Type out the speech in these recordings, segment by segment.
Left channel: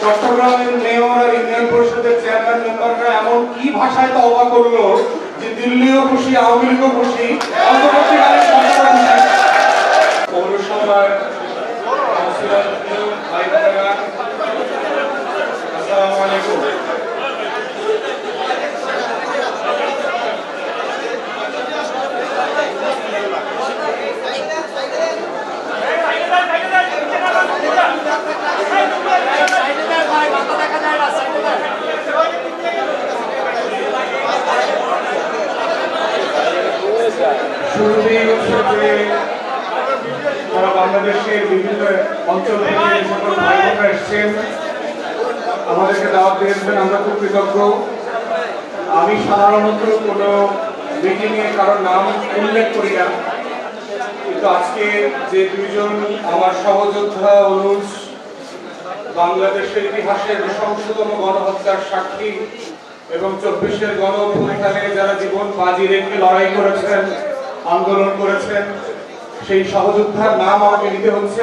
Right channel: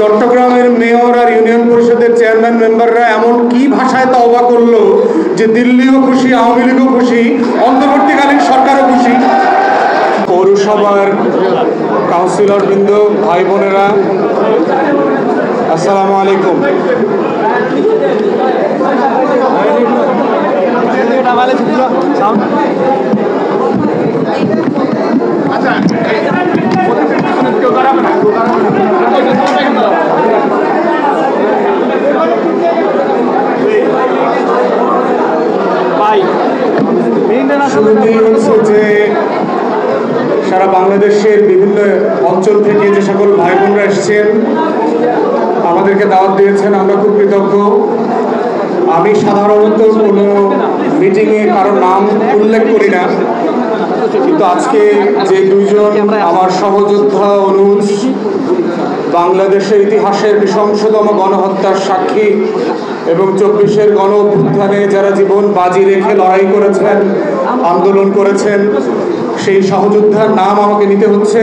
চট্টগ্রামের মেয়র আর ইউনিয়ন পরিষদের চেয়ারম্যান মেম্বাররা এমন কি ভাষায় তওবা করলো যে দিল্লিও খুশি, আওয়ামী লীগও খুশি, অন্তর্বর্তীকালীন সরকারও খুশি। পৌরসভার কাউন্সিলর বৃন্দ, ভাই বোনেরা, আসসালামু আলাইকুম। সারা বাংলাদেশের বিভিন্ন অঞ্চল থেকে যে সকল ভাই বোনরা এসেছেন, আমাদেরকে দাওয়াত দিয়েছেন, আমরা খুব কৃতজ্ঞ। আমি সাধারণত কোনো মিটিংয়ে কারোর নাম উল্লেখ করি না, কিন্তু আজকে যে দুইজন আমার সহযোদ্ধা অনুজ, বাংলাদেশের ইতিহাসের নৃশংসতম গণহত্যার সাক্ষী এবং 24-এর গণ অভ্যুত্থানে যারা জীবন বাজি রেখে লড়াই করেছেন, আন্দোলন করেছেন, সেই সহযোদ্ধার নাম আমাকে নিতে হচ্ছে,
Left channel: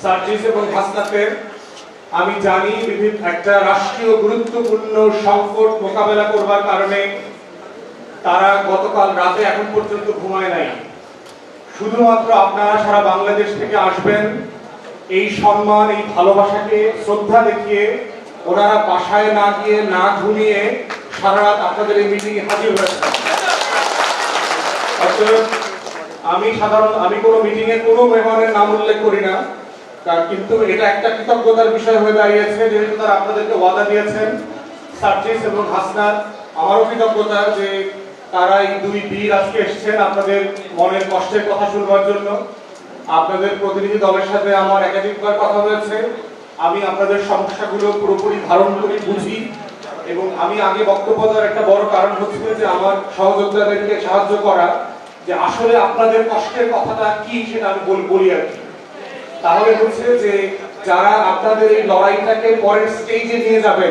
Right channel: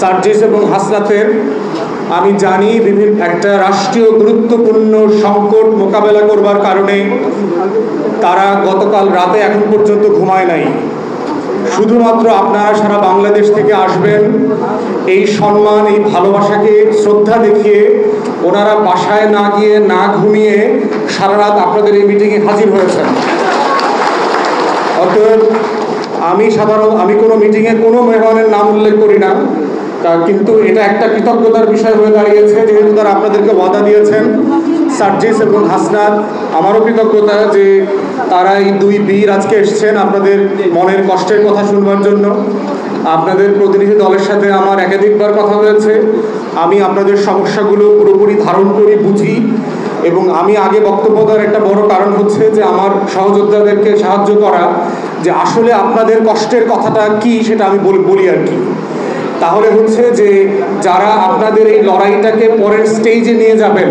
সার্জিস এবং হাসনাতের। আমি জানি একটা রাষ্ট্রীয় গুরুত্বপূর্ণ সংকট মোকাবেলা করবার কারণে তারা গতকাল রাতে এখন পর্যন্ত ঘুমায় নাই। শুধুমাত্র আপনারা সারা বাংলাদেশ থেকে আসবেন, এই সম্মান, এই ভালোবাসাকে শ্রদ্ধা দেখিয়ে ওনারা বাসায় না গিয়ে, না ঘুমিয়ে সারা রাত আপনাদের এই মিটিংয়ে হাজির হয়েছেন। অতএব আমি কোনো মিটিংয়ে কোনো মেহমানের নাম উল্লেখ করি না, কিন্তু এটা একটা কৃতজ্ঞতার বিষয় হয়ে দাঁড়িয়েছে, যেহেতু তারা আপনাদেরকে ওয়াদা দিয়েছেন। সার্জিস এবং হাসনাত, আমারও কৃতজ্ঞতা যে তারা এই দুই বীর আজকে এসেছেন আপনাদের মনের কষ্টের কথা শুনবার জন্য। আপনাদের প্রতিনিধি দলের সাথে আমার একাধিকবার কথা হয়েছে, আমি আপনাদের সমস্যাগুলো পুরোপুরি ধারণ করি, বুঝি, এবং আমি আগে বক্তব্য দেওয়ার একটা বড় কারণ হচ্ছে যে আমার সহযোদ্ধাদেরকে সাহায্য করা, যে আসলে আপনাদের কষ্টের কথাটা কি সেটা আমি বলি আর কি। তাহলে হচ্ছে যে যারা আপনাদের এই লড়াইটাকে পরের স্টেজে নিয়ে যাবেন,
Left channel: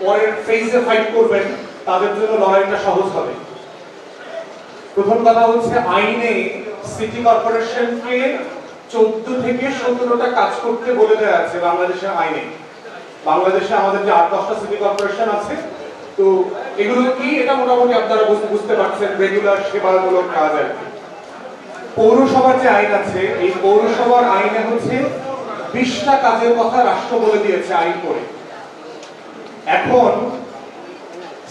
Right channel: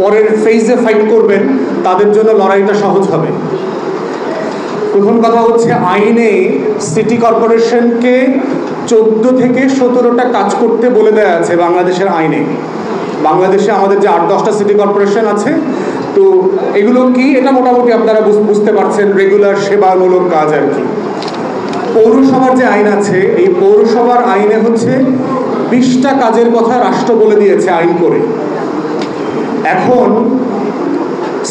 পরের ফেজে ফাইট করবেন, তাদের জন্য লড়াইটা সহজ হবে। প্রথম কথা হচ্ছে, আইনে সিটি কর্পোরেশনকে 14 থেকে 17টা কাজ করতে বলে দেওয়া আছে বাংলাদেশের আইনে। বাংলাদেশে আমাদের যে 8-10টা সিটি কর্পোরেশন আছে, তো এগুলো কি, এটা মোটামুটি আপনারা বুঝতে পারছেন, রেগুলার সেবামূলক কাজ আর কি। পৌরসভার যে আইন আছে, এই পৌরসভার আইনে হচ্ছে 20টা কাজের কথা রাষ্ট্র বলে দিয়েছে আইন করে। এখন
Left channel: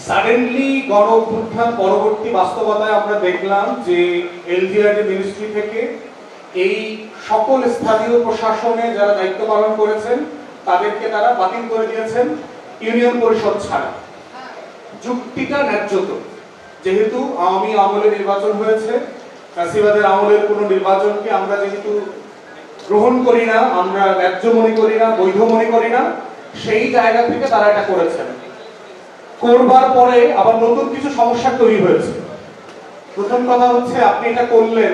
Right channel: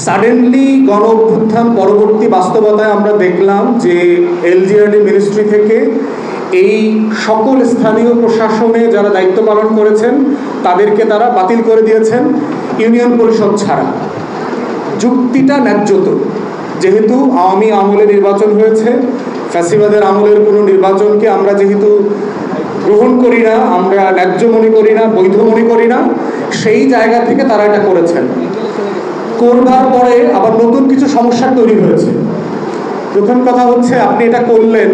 সাডেনলি গণ অভ্যুত্থান পরবর্তী বাস্তবতায় আমরা দেখলাম যে এলজিআরডি মিনিস্ট্রি থেকে এই সকল স্থানীয় প্রশাসনে যারা দায়িত্ব পালন করেছেন তাদেরকে তারা বাতিল করে দিয়েছেন, ইউনিয়ন পরিষদ ছাড়া। যুক্তিটা ন্যায্য তো, যেহেতু আওয়ামী আমলে নির্বাচন হয়েছে, ফ্যাসিবাদের আমলের কোনো নির্বাচনকে আমরা যেহেতু গ্রহণ করি না, আমরা ন্যায্য মনে করি না, বৈধ মনে করি না, সেই জায়গা থেকে তারা এটা করেছেন। করবার পরে আবার নতুন কিছু সমস্যা তৈরি হয়েছে। প্রথম কথা হচ্ছে, আপনি এটা করলেন,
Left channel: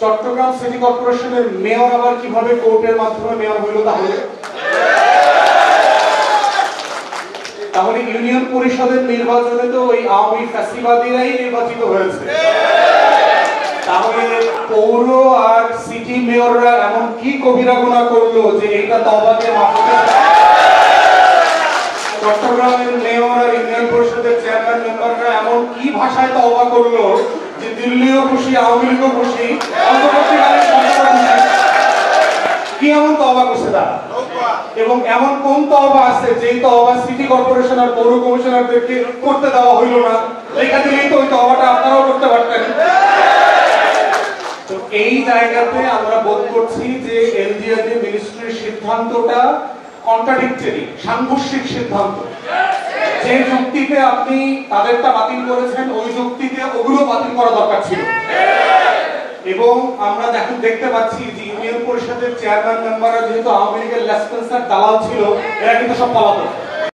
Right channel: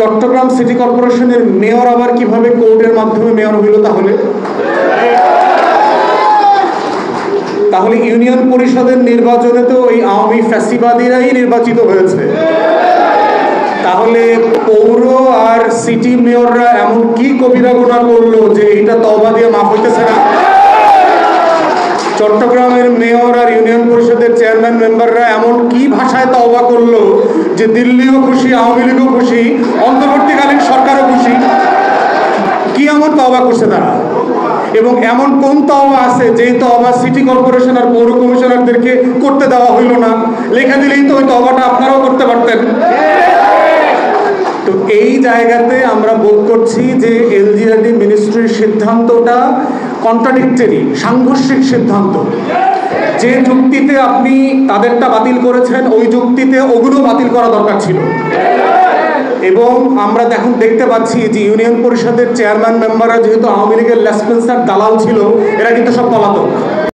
চট্টগ্রাম সিটি কর্পোরেশনের মেয়র আবার কিভাবে কোর্টের মাধ্যমে মেয়র হইল? তাহলে ইউনিয়ন পরিষদের নির্বাচনে তো ওই আওয়ামী ফ্যাসিবাদীরাই নির্বাচিত হয়েছে। তাহলে পৌর আর সিটি মেয়ররা এমন কি কবিরা গুনাহ করলো যে এটা তওবা দিয়ে মাফ হতেছে না? চট্টগ্রামের মেয়র আর ইউনিয়ন পরিষদের চেয়ারম্যান মেম্বাররা এমন কি ভাষায় তওবা করলো যে দিল্লিও খুশি, আওয়ামী লীগও খুশি, অন্তর্বর্তীকালীন সরকারও খুশি? কি এমন তওবা করছে তারা? এবং এমন কোন তওবা আছে যেই তওবা সিটি কর্পোরেশন আর পৌর কমিশনারদেরকে করতে দেওয়া হইল না? লেখা দিলেই তো ওই তওবাটা আপনারাও করতে পারতেন। তো এই জায়গাতে আমরা বোধ করছি যে এলজিআরডি মিনিস্ট্রির সিদ্ধান্তটা কন্ট্রাডিক্টরি, সাংঘর্ষিক সিদ্ধান্ত। যে যুক্তিতে আপনি তাদেরটা বাতিল করেছেন, ওই যুক্তিতে ওগুলো বাতিল করা দরকার ছিল। এবং আমরা এখন দেখতে পাচ্ছি যে ইউনিয়ন পরিষদের চেয়ারম্যান মেম্বাররা যেহেতু আওয়ামী লীগের লেসপেন্সার দালাল ছিল, এরা কিন্তু সব পলাতক।